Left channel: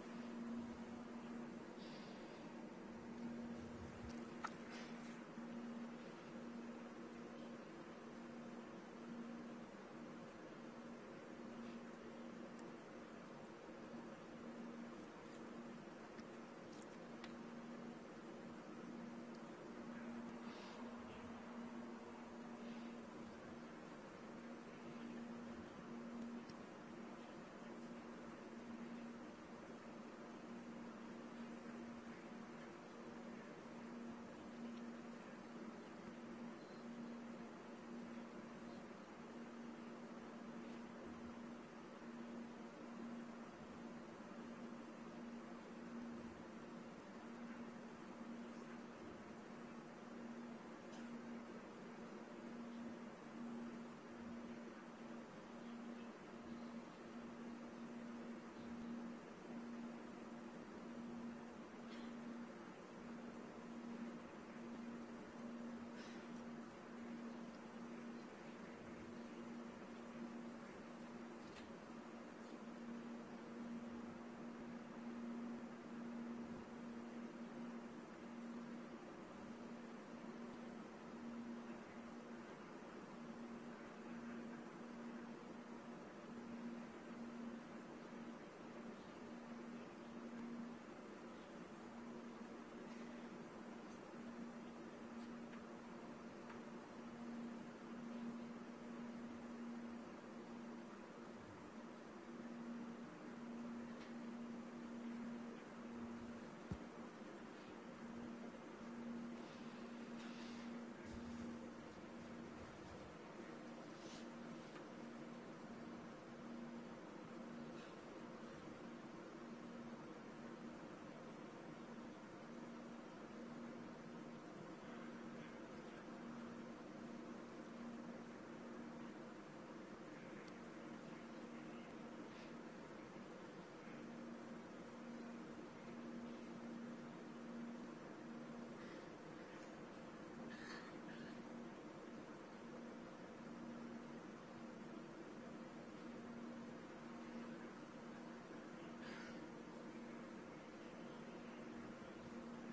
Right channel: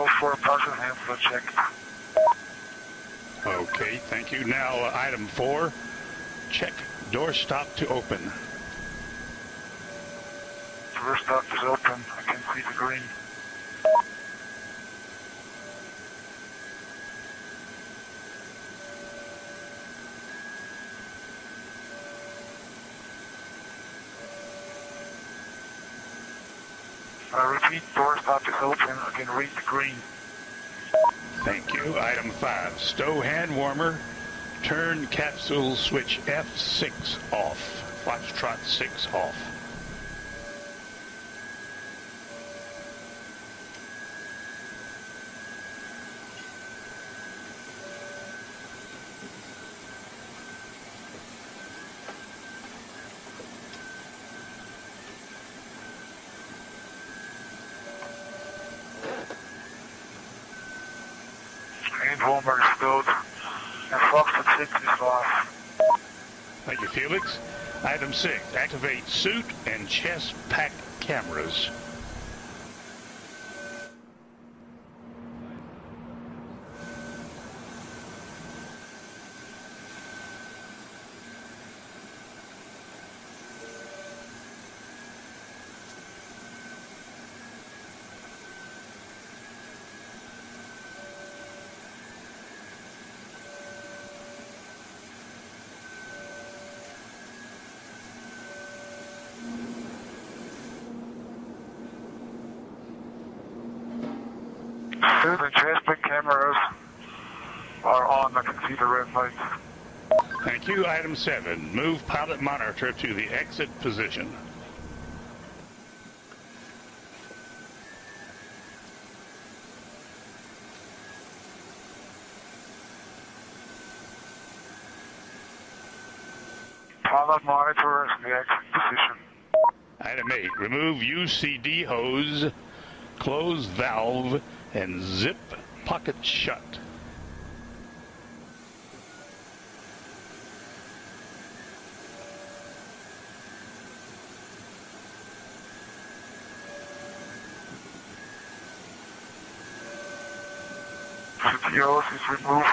Hold for partial hand flow check. Okay, thank you. Now, item 4, check door stop to open. Door stop is open. I can see the green. I repeat, door stop is open. I can read the green. Thank you. Item 5, stow hand warmer. Turn capsule switch F6 off. Foxtrot 6 off. Hand warmer is stowed. And Foxtrot 6 is off. Thank you, Felix. Item 6, activate suit and chest pack cameras. Suit and chest pack cameras are on. I can see the red lights. Thank you. Item 7, move pilot monitor to the exit position. Pilot monitor is in the exit position. Item 8, remove UCD hose, close valve, and zip pocket shut. The hose is removed.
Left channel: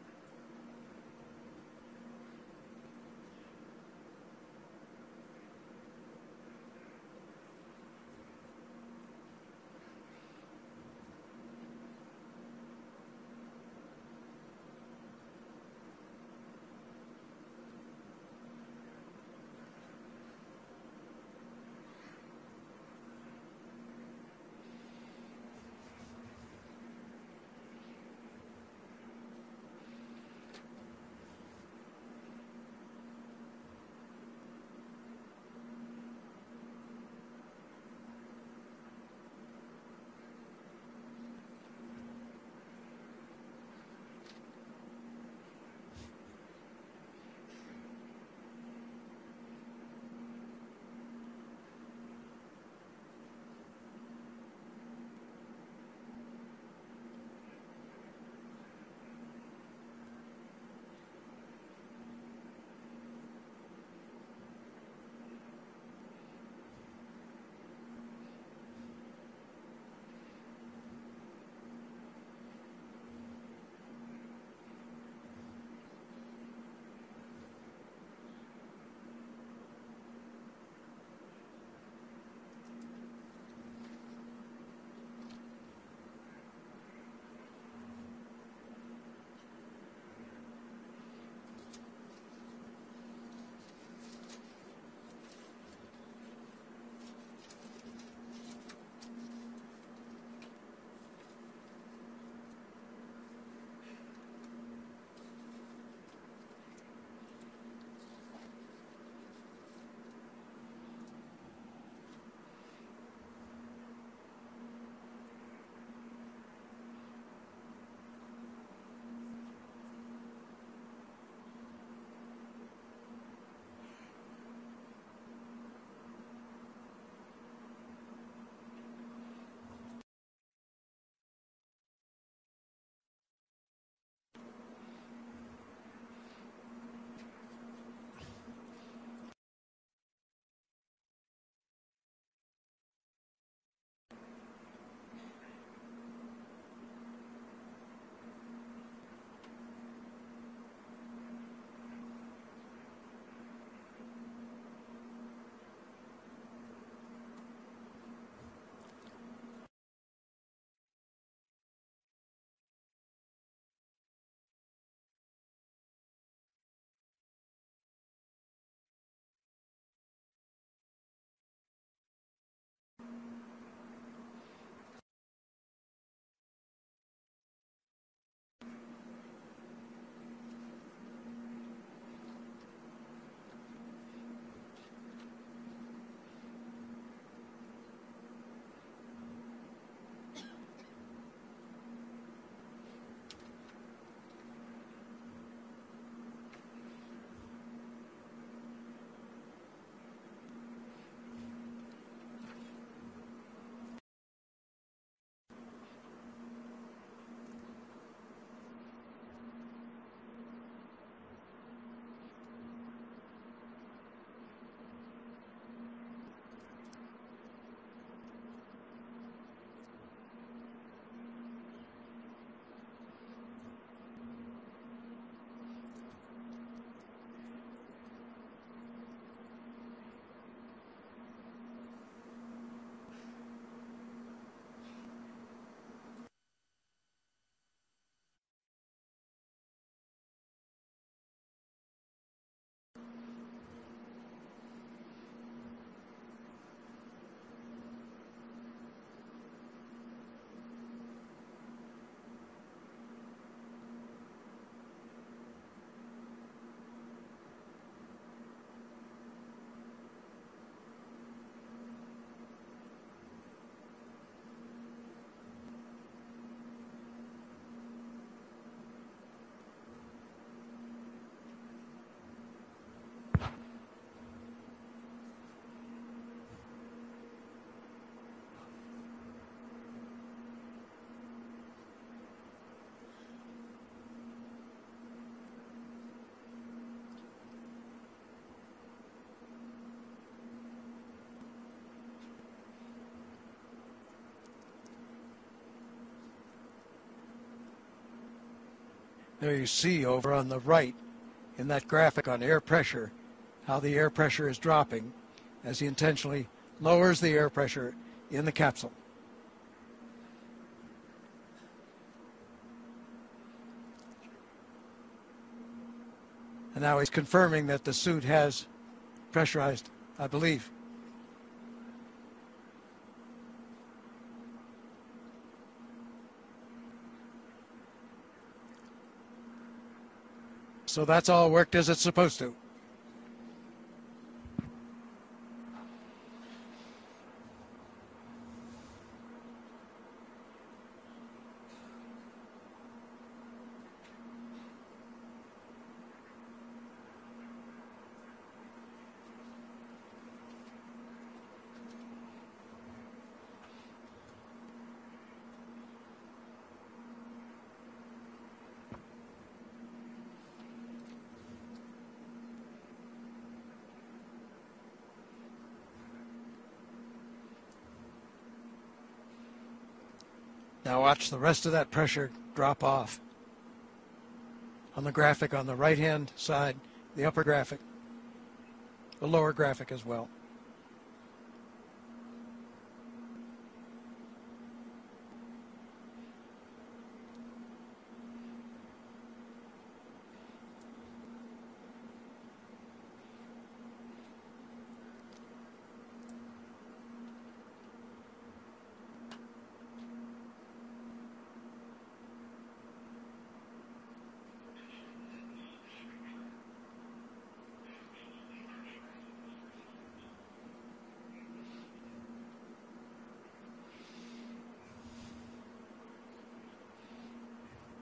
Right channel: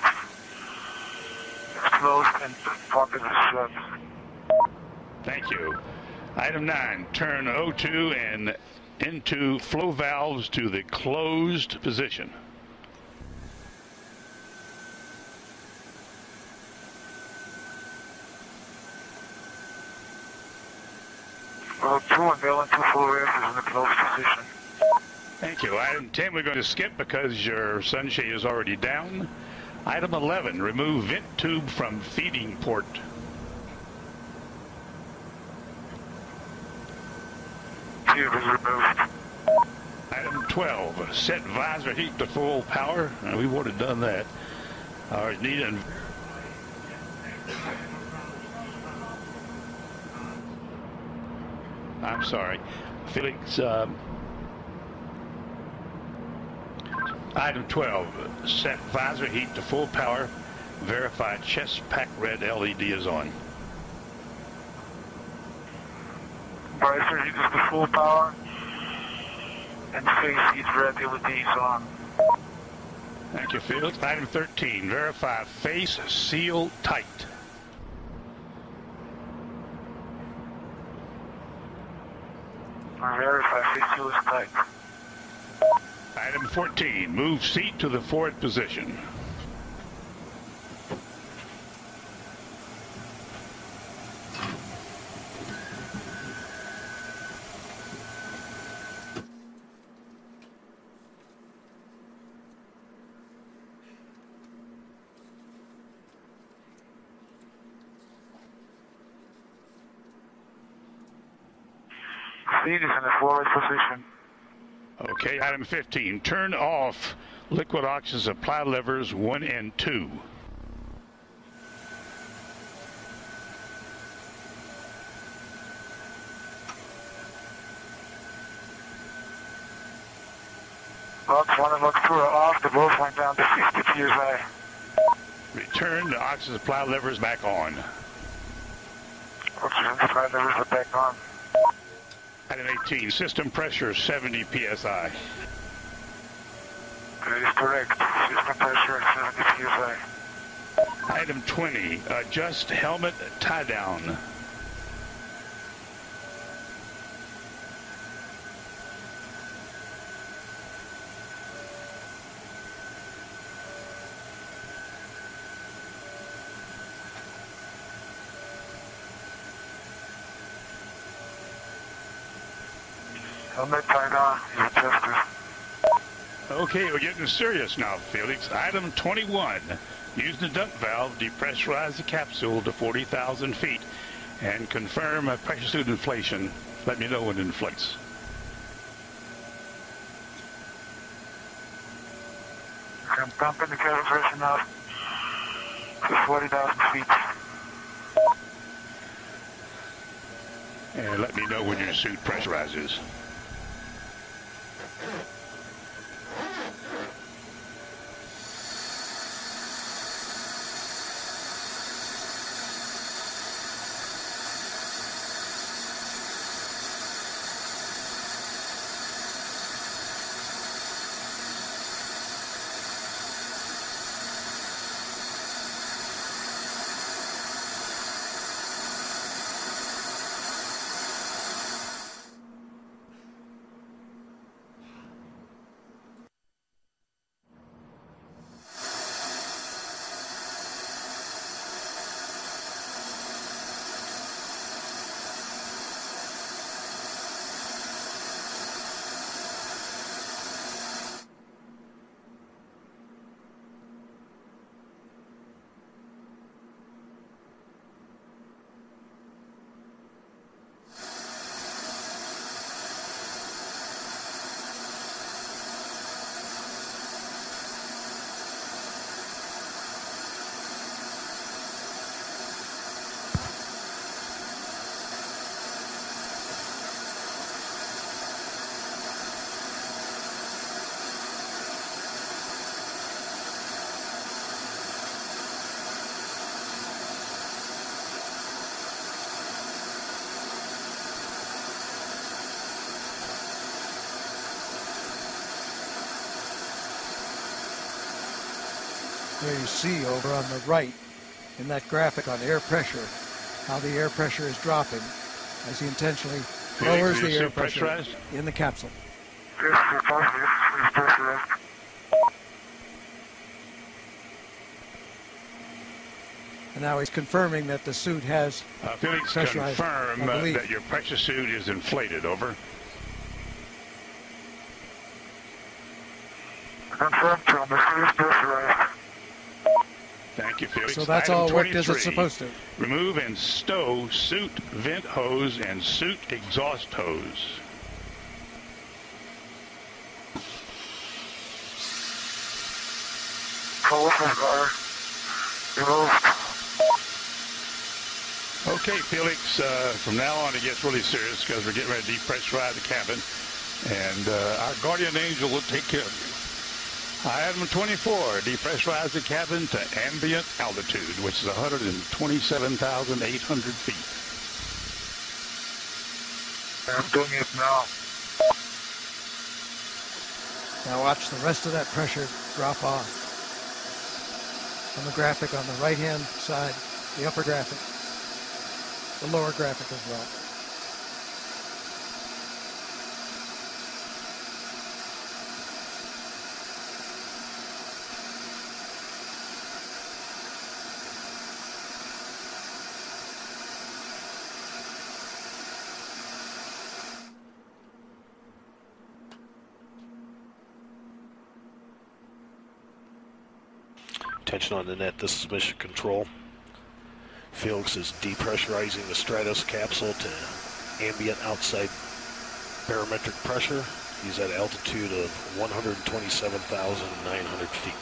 It's closed and the pocket is shut. Thank you. Item 9, turn O2 and into flow valves to the closed position. Well, 2 and L and 2 flow valves is in the closed position. Thank you. Item 10, we're going to skip because your sunshade is already down. Item 11, remove vent tube from feeding port. Tube is removed. Item 12, set visor heat to full power. We would have done that. All right, need an... I'm sorry. Felix, item 12, set visor heat to full power. Verify chest pack red LED is on. Visor heat is to full power. And face heat red LED is on. Thank you, Felix. Item 13, verify face seal tight. Verify face seal is tight. Item 14, move seat to the forward position. Seat is in the forward position. Okay, item 15, turn off liquid oxygen supply levers 1 and 2. Box 1 and box 2 are off. The both went down to 50 psi. Return the oxygen supply levers back on. Oxygen supply levers are back on. Item 18, system pressure 70 psi. That is correct. System pressure at 70 psi. Item 20, adjust helmet tie down. Helmet tie down is adjusted. Okay, we're getting serious now, Felix. Item 21. Use the dump valve, depressurize the capsule to 40,000 feet, and confirm pressure suit inflation. Let me know when it inflates. I'm pumping the cabin pressure now to 40,000 feet. And let me know when your suit pressurizes. There you see over on the right in that graphic on air pressure, how the air pressure is dropping as he intentionally lowers the air pressure in the capsule. Yes, positive. It's pressurized. And now he's confirming that the suit has Felix, pressurized, confirm I believe. that your pressure suit is inflated. Over. Confirmed, Tom. The suit is pressurized. Thank you, Felix. So that's Item all worked as 23. it's supposed to. Remove and stow suit vent hose and suit exhaust hose. Coalition guard removed. Okay, Felix, from now on it gets really serious because we're getting ready to depressurize the cabin, and our guardian angel will take care of you. Item 24, depressurize the cabin to ambient altitude, which is 127,800 feet. I'm doing it now. Now watch the rest of that pressure drop off. On the graphic on the right-hand side, the upper graphic, the lower graphic as well. Attention on the net, this is Mission Control. Felix is depressurizing the Stratos capsule to ambient outside barometric pressure. He's at altitude of 127,900 feet.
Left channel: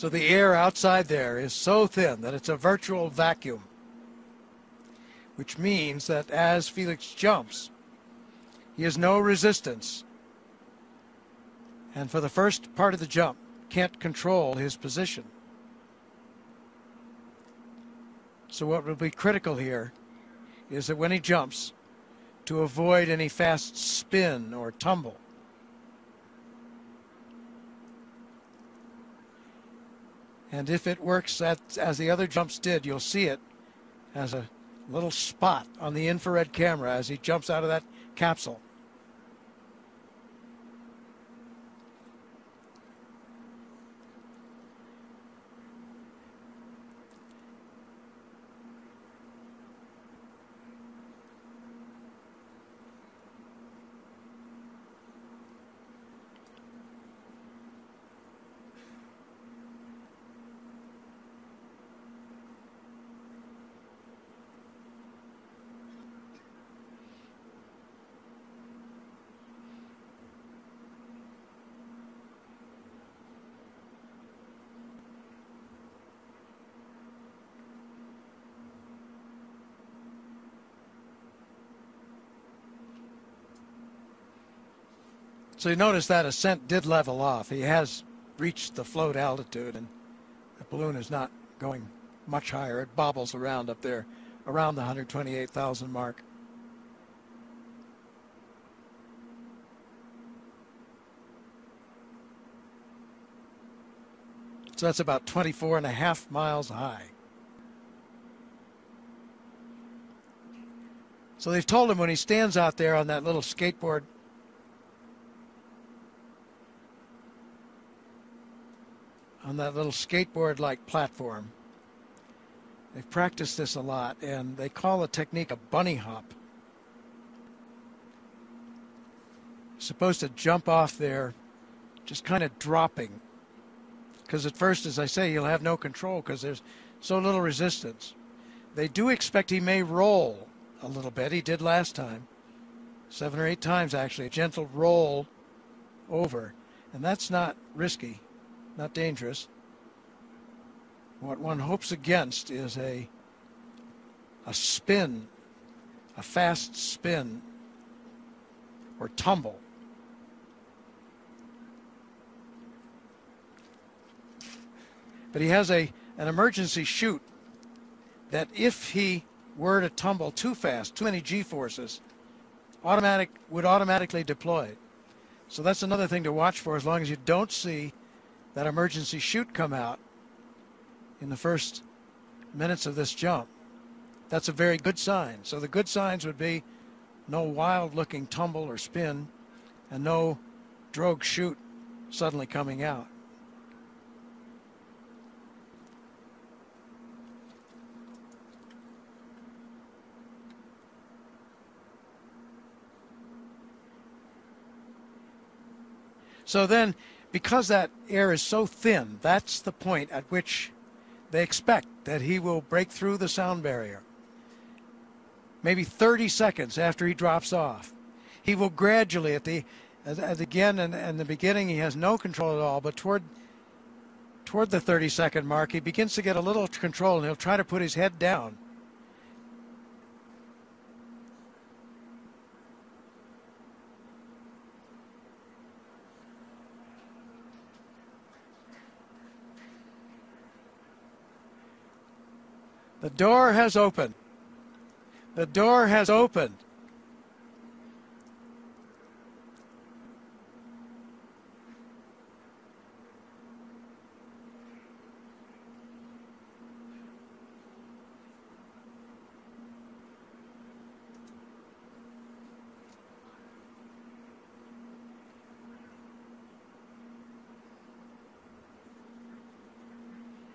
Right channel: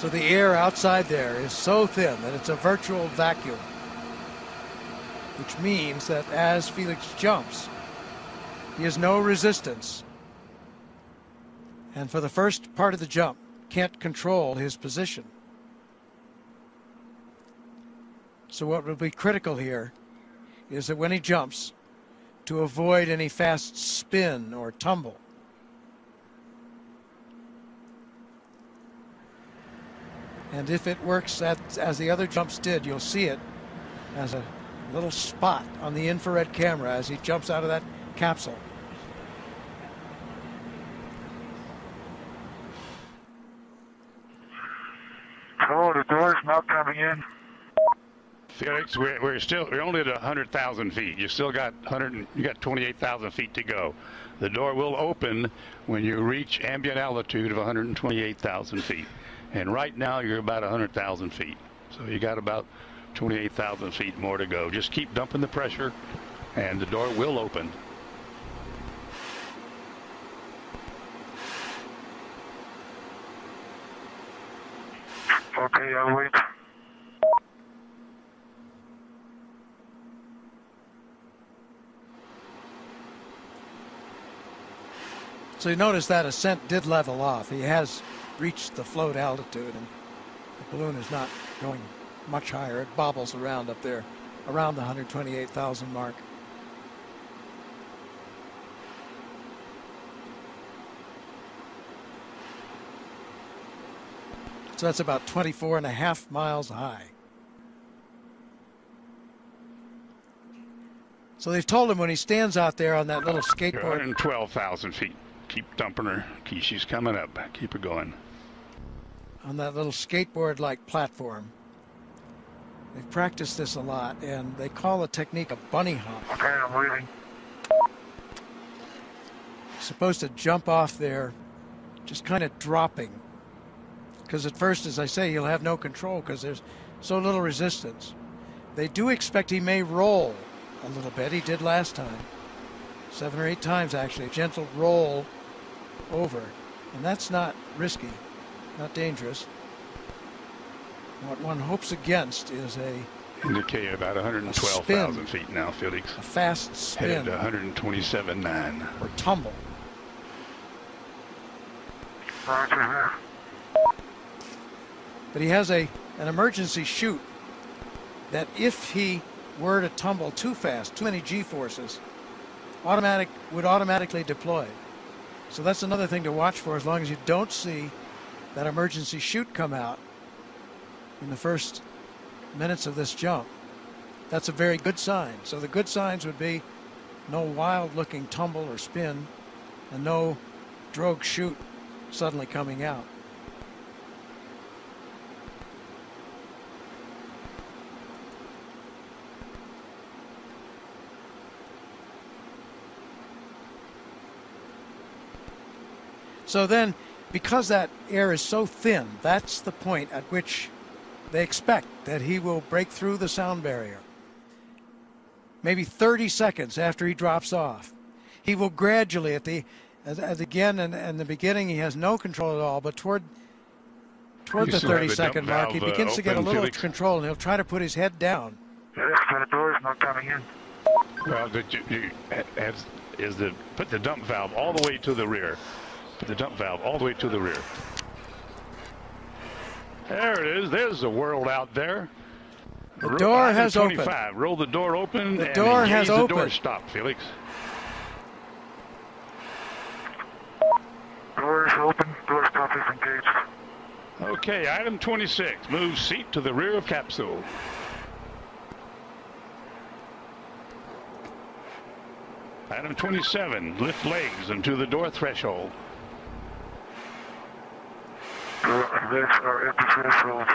So the air outside there is so thin that it's a virtual vacuum, which means that as Felix jumps, he has no resistance, and for the first part of the jump, can't control his position. So what will be critical here is that when he jumps, to avoid any fast spin or tumble. And if it works as the other jumps did, you'll see it as a little spot on the infrared camera as he jumps out of that capsule. Oh, the door's not coming in. Felix, we're only at 100,000 feet. You still got 28,000 feet to go. The door will open when you reach ambient altitude of 128,000 feet. And right now you're about 100,000 feet. So you got about 28,000 feet more to go. Just keep dumping the pressure and the door will open. Okay, I'll wait. So you notice that ascent did level off. He has reached the float altitude, and the balloon is not going much higher. It bobbles around up there, around the 128,000 mark. So that's about 24.5 miles high. So they've told him when he stands out there on that little skateboard. 112,000 feet. Keep dumping her. She's coming up. Keep her going. On that little skateboard-like platform. They've practiced this a lot, and they call the technique a bunny hop. Okay, I'm waiting. Supposed to jump off there, just kind of dropping. Because at first, as I say, he'll have no control because there's so little resistance. They do expect he may roll a little bit. He did last time. 7 or 8 times, actually. A gentle roll over. And that's not risky, not dangerous. What one hopes against is a indicate about 112,000 feet now, Felix. A fast spin. Headed to 127.9. Or tumble. But he has an emergency chute that if he were to tumble too fast, too many G-forces, would automatically deploy. So that's another thing to watch for as long as you don't see that emergency chute come out in the first minutes of this jump. That's a very good sign. So the good signs would be no wild-looking tumble or spin and no drogue chute suddenly coming out. So then, because that air is so thin, that's the point at which they expect that he will break through the sound barrier. Maybe 30 seconds after he drops off. He will gradually, again in the beginning, he has no control at all, but toward the 30-second mark, he begins to get a little control, and he'll try to put his head down. The door's not coming in. Well, put the dump valve all the way to the rear. Put the dump valve all the way to the rear. There it is. There's the world out there. The door has opened. Roll the door open. The door has opened. The door stop, Felix. Door is open. Door stop is engaged. Okay, item 26. Move seat to the rear of capsule. Item 27. Lift legs into the door threshold. Legs are at the threshold.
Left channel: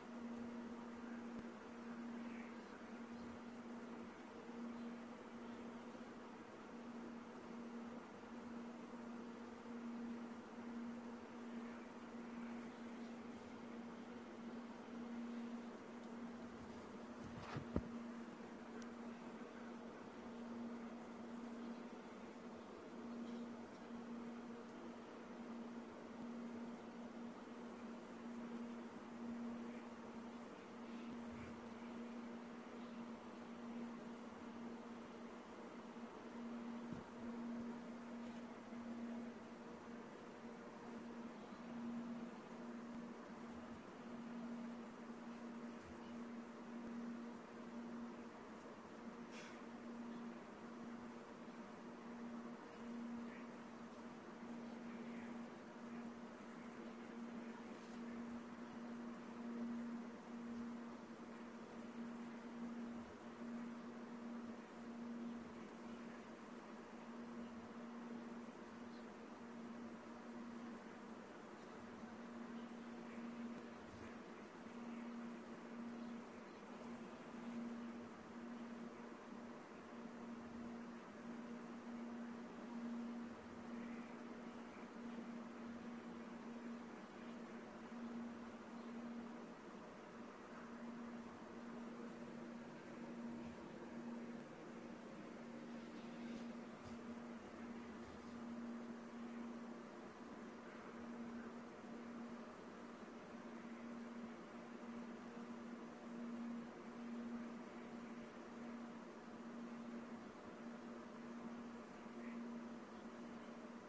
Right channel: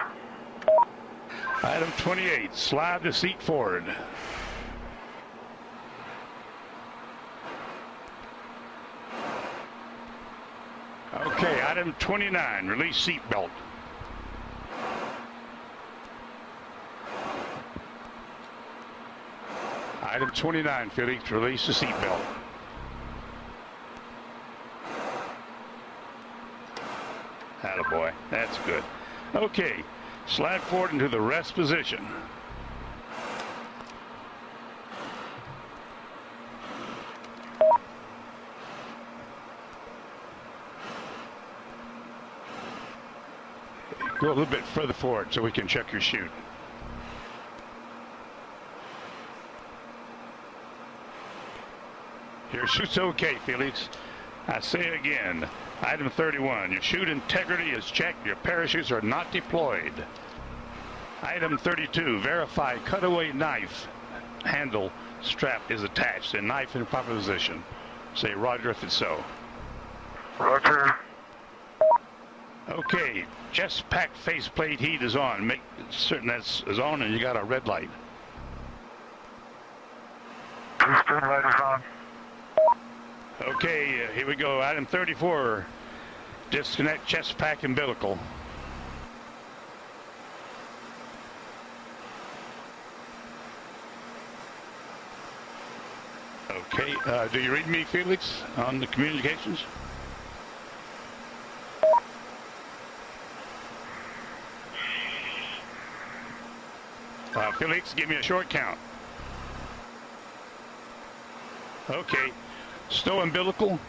Item 28, slide the seat forward. Okay, item 29, release seat belt. Item 29, Felix, release the seat belt. Attaboy, that's good. Okay, slide forward into the rest position. Go a little bit further forward so we can check your chute. Your shoot's okay, Felix. I say again, item 31, your chute integrity is checked. Your parachutes are not deployed. Item 32, verify cutaway knife handle strap is attached and knife in proper position. Say roger if it's so. Roger. Okay, chest pack faceplate heat is on. Make certain that's is on and you got a red light. Piston light is on. Okay, here we go. Item 34, disconnect chest pack umbilical. Okay, do you read me, Felix, on the communications? Felix, give me a short count. Okay, stow umbilical.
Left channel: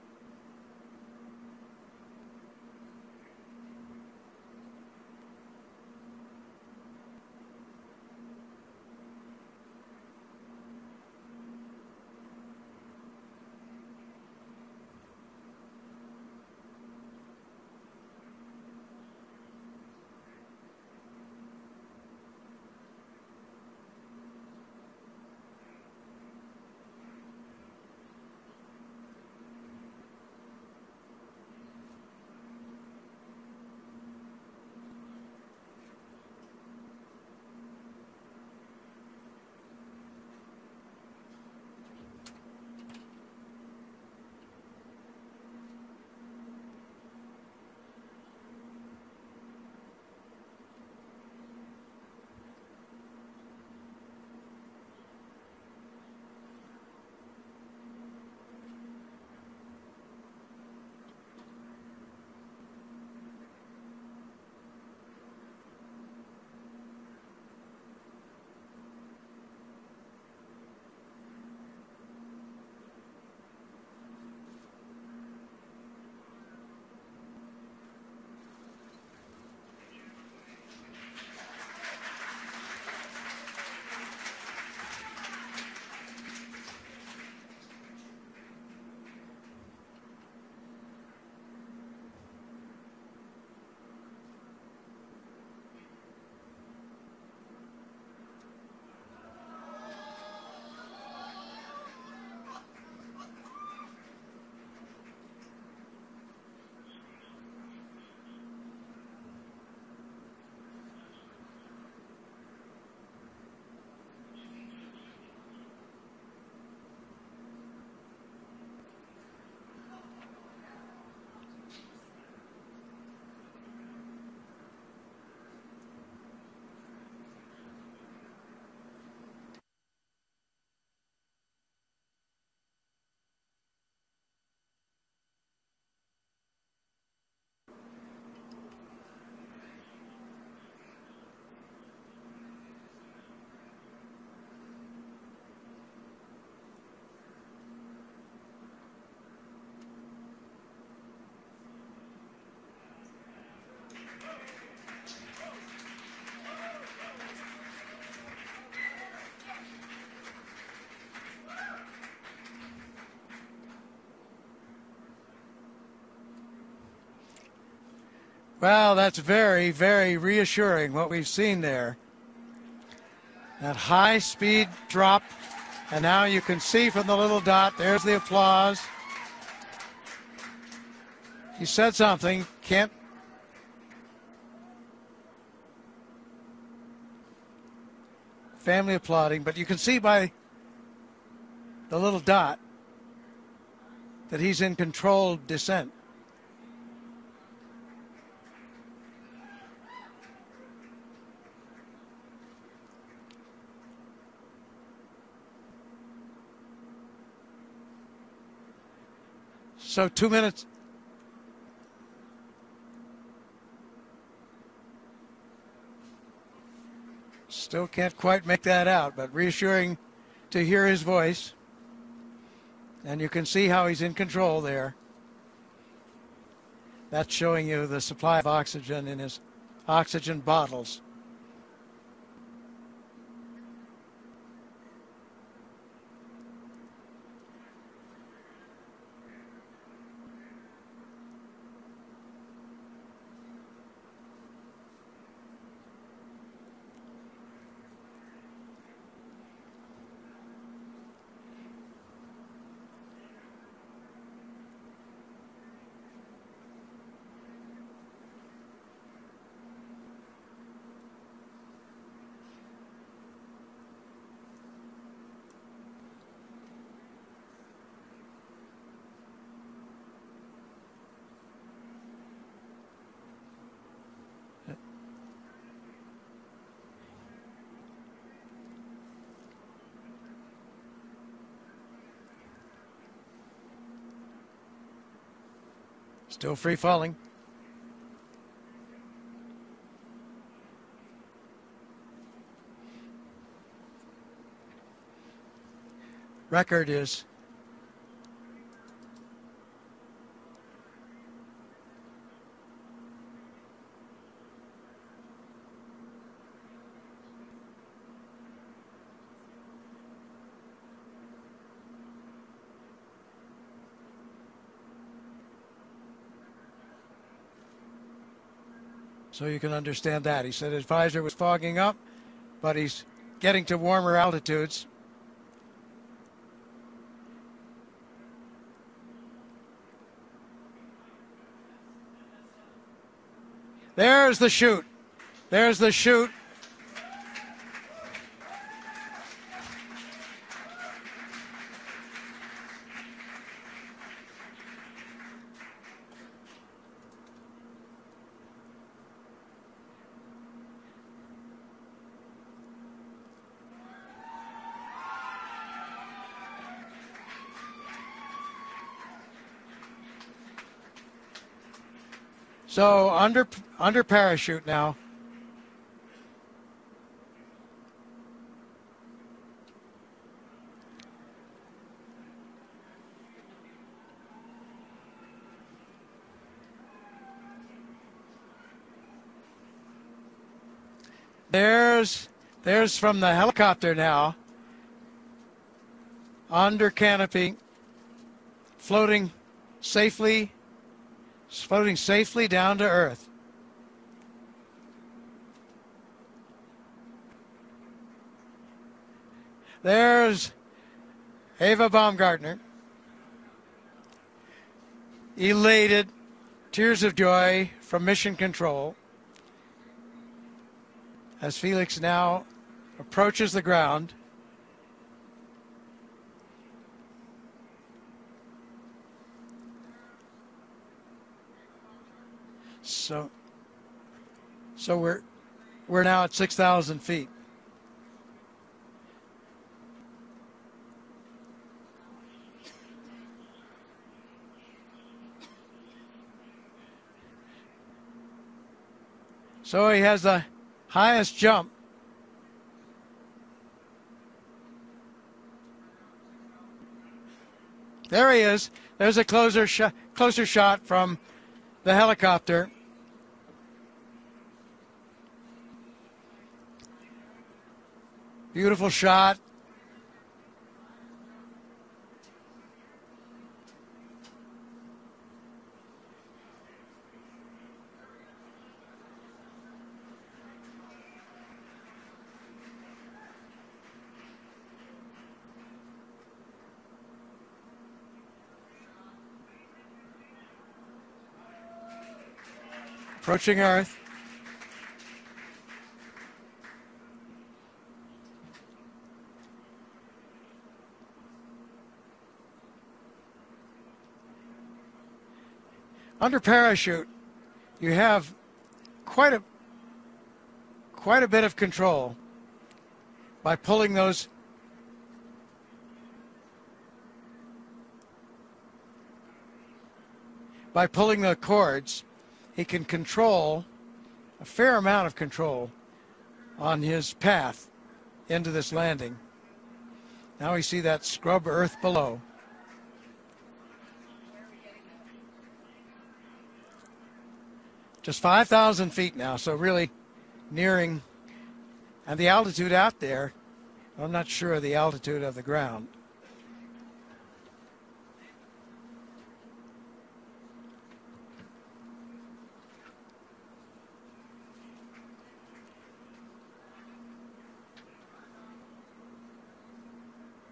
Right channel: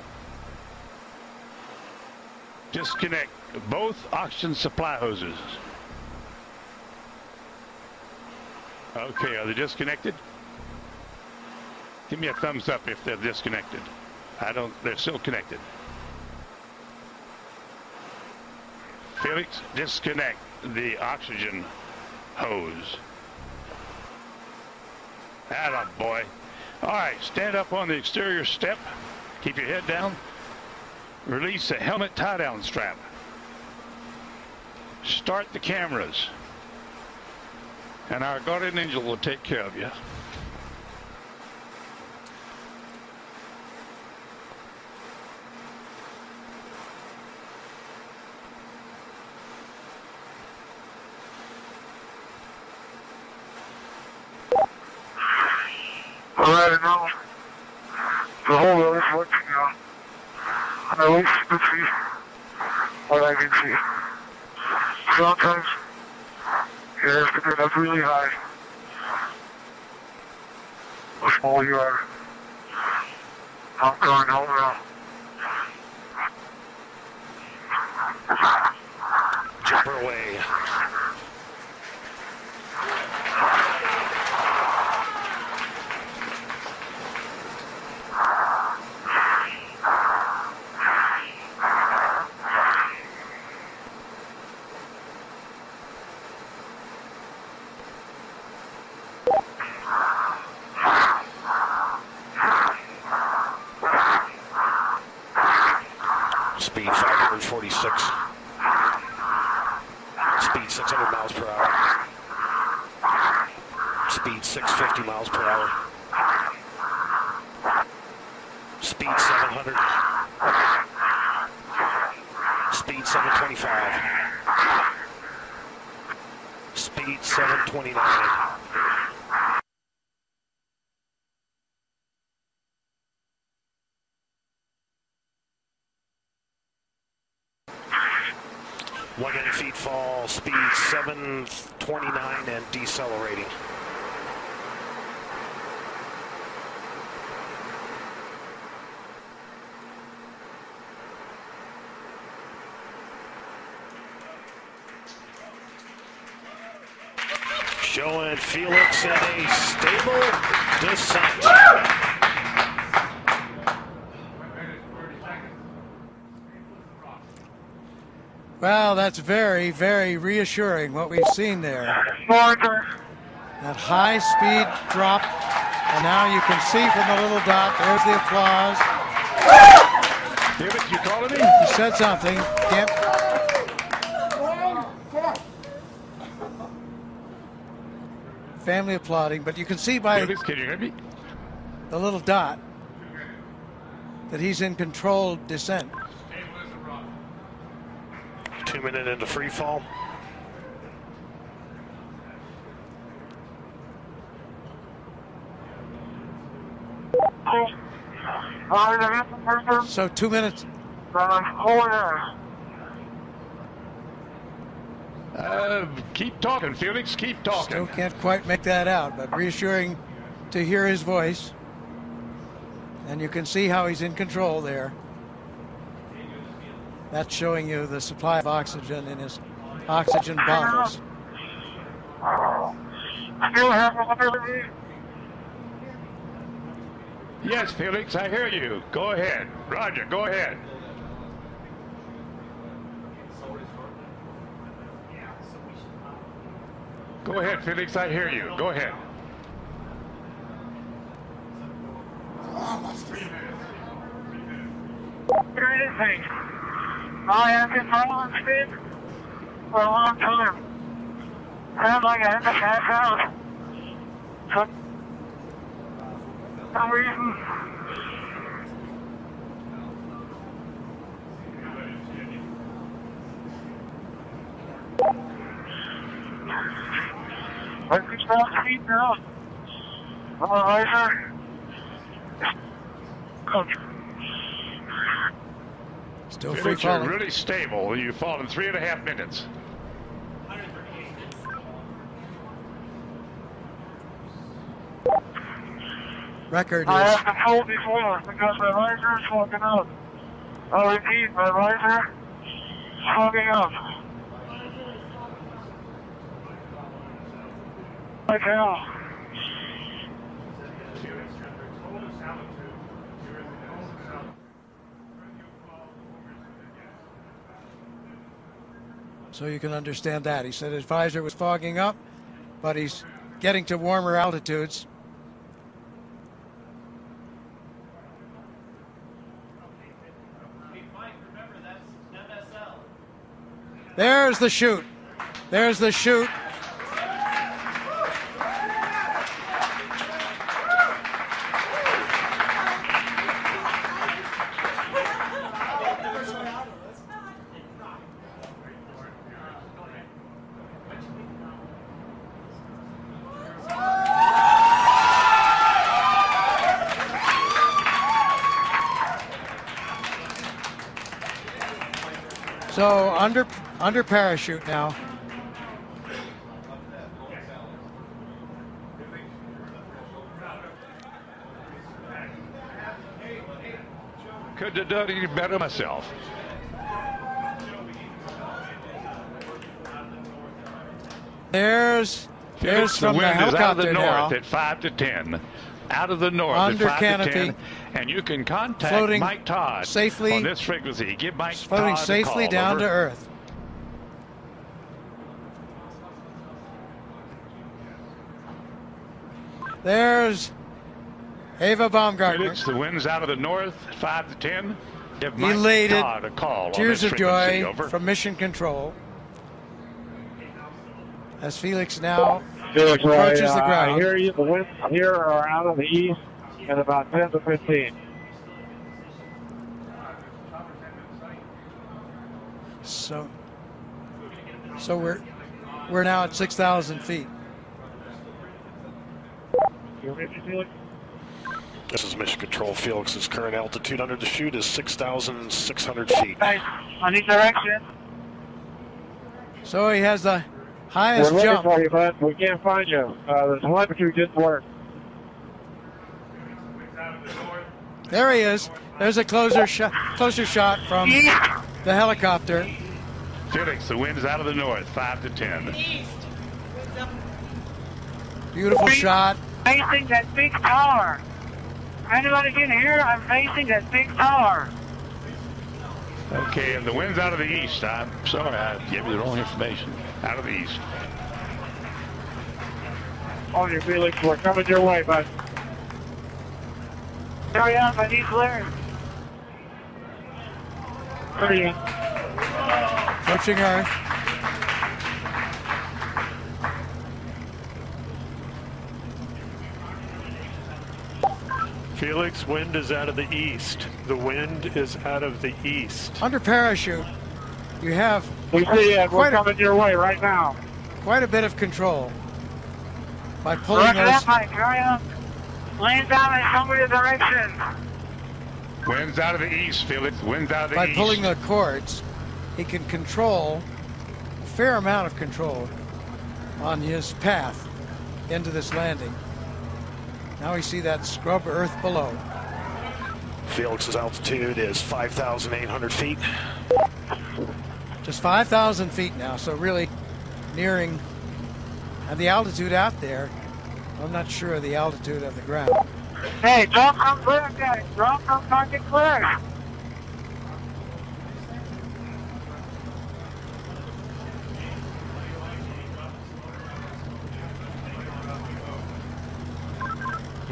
Disconnect both oxygen supply hoses. Okay, are they disconnected? Give me a thumbs up if they're disconnected. They're still connected. Felix, disconnect the oxygen hose. Atta boy. All right, stand up on the exterior step. Keep your head down. Release the helmet tie-down strap. Start the cameras. And our guardian angel will take care of you. Alright, now the whole road is working now. And at least you can see what I can see. Sometimes you have to get up really high. The smaller you are. I'm going home now. Jumper away. Speed 546. Speed 600 miles per hour. Speed 650 miles per hour. Speed 700. Speed 725. Speed 729. Feet fall, speed 729 and decelerating. Showing Felix in a stable descent. Well, that's very, very reassuring what we've seen there. That high speed drop, and now you can see from the little dot, there's the applause. Felix, you calling me? He said something. Can't. Family applauding, but you can see by Felix, can you hear me? the little dot that he's in controlled descent. 2 minutes into free fall. So 2 minutes. Keep talking, Felix. Keep talking. Still can't quite make that out, but reassuring to hear his voice. And you can see how he's in control there. That's showing you the supply of oxygen in his oxygen bottles. Yes, Felix, I hear you. Go ahead. Roger, go ahead. Go ahead, Felix, I hear you. Go ahead. Anything. I have been following speed for a long time. Sounds like I had to pass out. For some reason. I can stop speed now. Visor. Still free Felix, you're falling. really stable. You've fallen 3.5 minutes. Record I is have been told before because my visor is fogging up. I'll repeat, my visor is fogging up. Like hell. so you can understand that. He said his visor was fogging up, but he's getting to warmer altitudes. There's the chute. There's the chute. So under parachute now. Couldn't have done any better myself. There's from the helicopter now. At 5 to 10. Out of the north Under at 5 canopy, to 10, and you can contact floating Mike Todd safely, on this frequency. Give Mike floating Todd safely a call. down Over. to Earth. There's Ava Baumgartner. Felix, the wind's out of the north, 5 to 10. Give Mike Elated, Todd a call. tears on this of frequency. joy Over. from Mission Control as Felix now Felix, approaches the I ground. hear you. The winds here are out of the east at about 10 to 15. So we're now at 6,000 feet. You ready, Felix? This is Mission Control. Felix's current altitude under the chute is 6,600 feet. Nice. On each direction. So he has the highest We're looking jump. for you, bud. We can't find you. The telemetry didn't work. There he is. There's a closer shot from the helicopter. Felix, the wind's out of the north, 5 to 10. Beautiful shot. Facing that big tower. Anybody can hear? I'm facing that big tower. Okay, and the wind's out of the east. I'm sorry, I gave you the wrong information. Out of the east. On your Felix, we're coming your way, bud. Hurry up, I need clearance. Hurry up. Approaching Earth. Felix, wind is out of the east. The wind is out of the east. Under parachute, you have We see it. We're Quite a- coming your way right now. quite a bit of control by pulling Roger those. that, Mike. Hurry up. Lane's down in some other direction. Wind's out of the east, Felix. Wind's out of the By east. pulling the cords, he can control a fair amount of control on his path into this landing. Now we see that scrub earth below. Felix's altitude is 5,800 feet. Just 5,000 feet now, so really nearing the altitude out there. I'm not sure of the altitude of the ground. Hey, don't come clear, guys. Don't come target clear.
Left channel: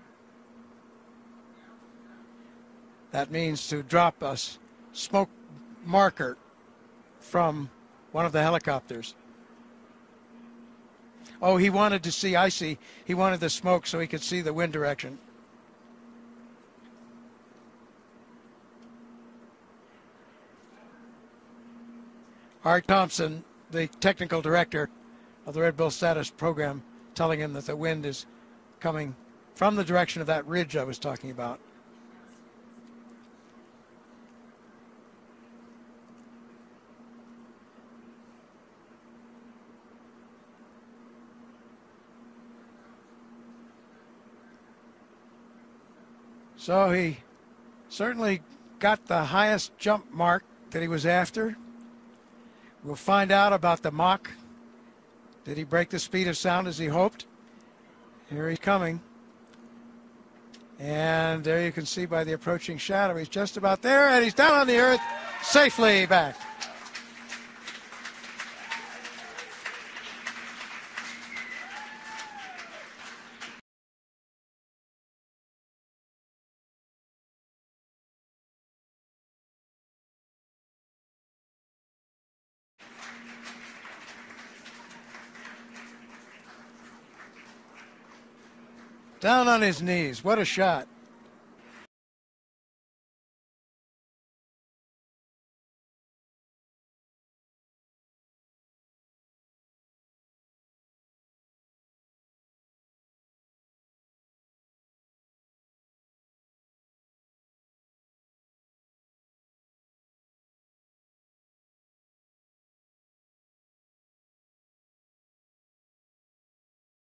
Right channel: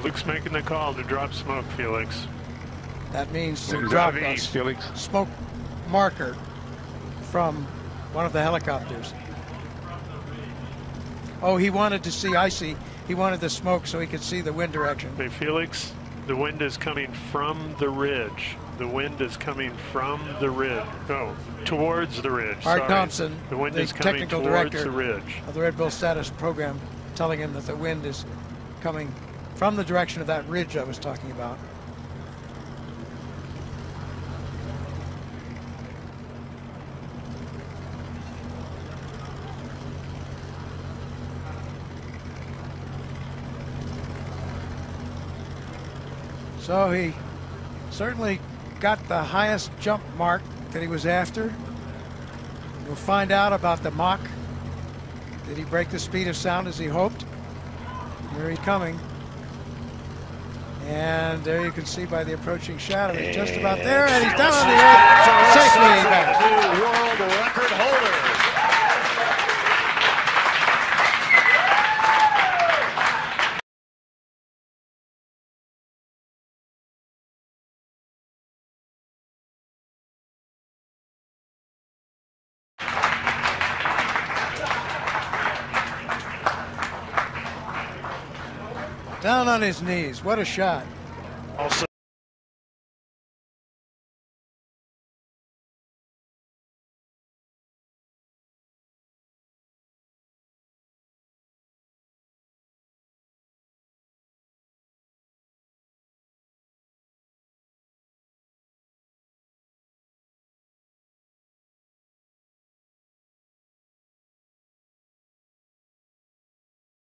Luke's making the call to drop smoke, Felix. That means to Who's drop that a east, Felix? smoke marker from one of the helicopters. Oh, he wanted to see, I see. He wanted the smoke so he could see the wind direction. Hey, Felix, the wind is coming from the ridge. The wind is coming from the ridge. Oh, towards the ridge. Art Sorry. Thompson, The wind the is coming technical towards director the ridge. of the RedBull status program, telling him that the wind is coming from the direction of that ridge I was talking about. So he certainly got the highest jump mark that he was after. We'll find out about the Mach. Did he break the speed of sound as he hoped? Here he's coming. And there you can see by the approaching shadow, he's just about there, and he's down on the earth, safely back. World record holder. Down on his knees. What a shot. Also